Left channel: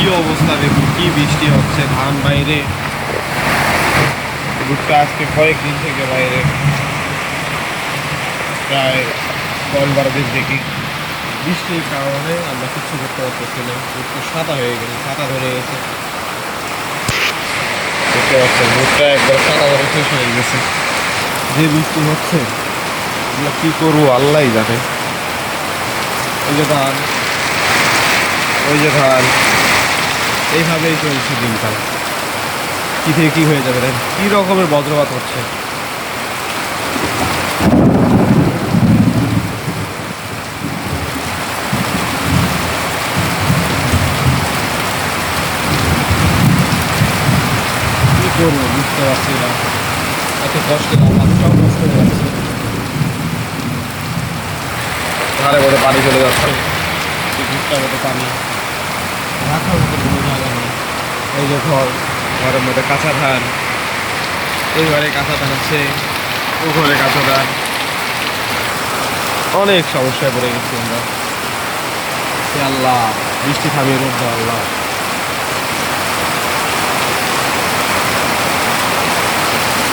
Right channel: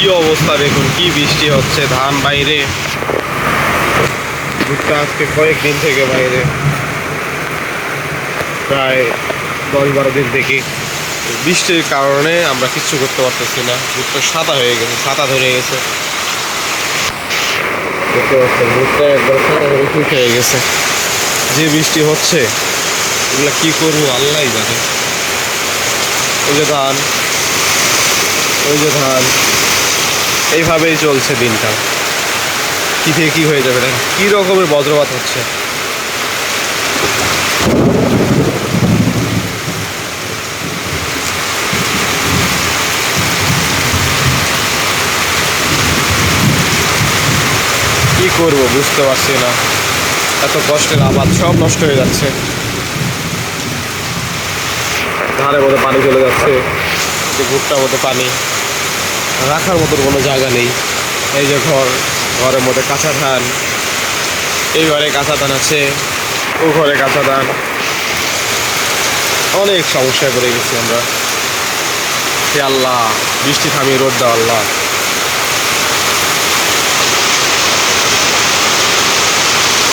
কি অবস্থা দেখুন, কি বৃষ্টি হচ্ছে, ধান বাইরে, ভুট্টা আজকে কয়েকদিন থেকে বাইরে, প্রায় 10-12 দিন থেকে। বৃষ্টির কারণে আমরা কিচ্ছু করতে পারতেছি না। ভুট্টা সাদা হয়ে গেছে, ছাতা ধরে গেছে, দেখতে পাচ্ছেন ভুট্টা একবার ছাতা ধরে শেষ হয়ে গেছে। যে বৃষ্টি হচ্ছে এগুলা কি করবো আল্লাহ জানে। এই যে ধান, ওই যে ধান, এইভাবেই চলছে দিনকাল। কি থেকে কি হয়ে যাবে, এটা কি রকমের বজ্রপাত হচ্ছে। কি করব বুঝতে পারছি না, এত কষ্টের আবাদ সব নষ্ট হয়ে যাচ্ছে। ধারে মধ্যে পানি চলে যাচ্ছে, যে ভুট্টার মধ্যে পানি, রাখার মতো কোনো জায়গা নেই। এই যে ঘরের মধ্যে কাঁচা ধান, এই ঘরে কাঁচা ধান আছে, ও ঘরে কাঁচা ধান, অনেক সমস্যায় পড়ে গেছি আমরা। হে আল্লাহ, বৃষ্টি থামিয়ে রোদ দাও আল্লাহ।